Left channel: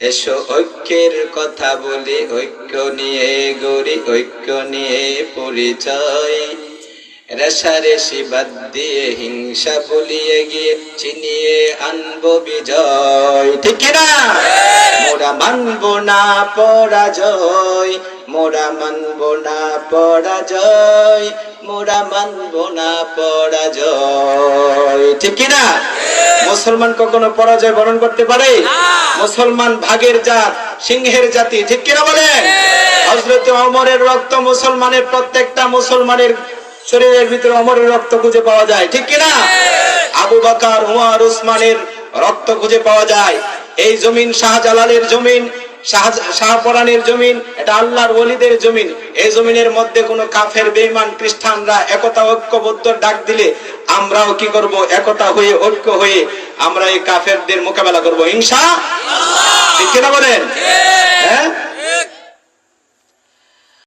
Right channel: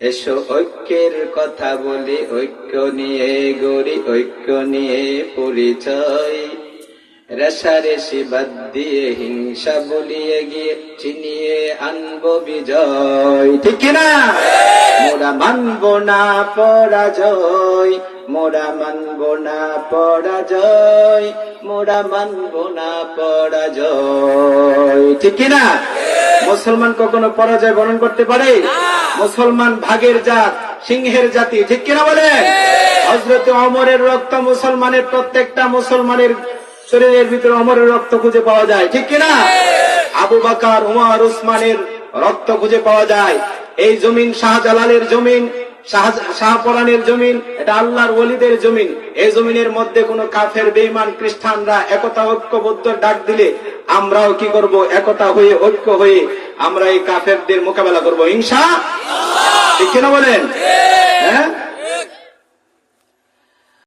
এসো ঐক্যের কথা বলি, ঐক্য নিয়ে গড়ি, ঐক্য নিয়ে পরিচয়। রেশারেশি বাদ দিয়ে হিংসা বলিয়ে গিয়ে চিনিয়ে আনবো বিজয়। ঠিক কিনা? মোরা মানবো না পরাজয়, মোরা মানবো না পরাজয়, মোরা মানবো না পরাজয়। ঠিক কিনা? মুসলমান কখনো পরাজয় বরণ করতে পারে? মুসলমান ভাগের জাত, সিংহের জাতি। ঠিক কিনা বলেন? হযরত ওমরের রক্ত মুসলমানের, প্রত্যেকটা মুসলমানের শরীরের ভিতরে ওমরের রক্ত খুঁজে পাওয়া যায়। ঠিক কিনা? আবু বকর, উমর, উসমানের রক্ত খুঁজে পাওয়া যায়। এই জমিন শাহজালালের জমিন, শাহপরানের জমিন, এটা আল্লাহর ওলিদের জমিন। এই জমিনের মধ্যে কোনো কাফের, বেঈমান, খ্রিস্টানরা একতা ঐক্যবদ্ধ ডাক দিলে আমরাও কি করব? একতা হয়ে, ঐক্য হয়ে আমরা এই কাফেরদের মোকাবেলা করব ইনশাআল্লাহ। ঠিক কিনা বলেন?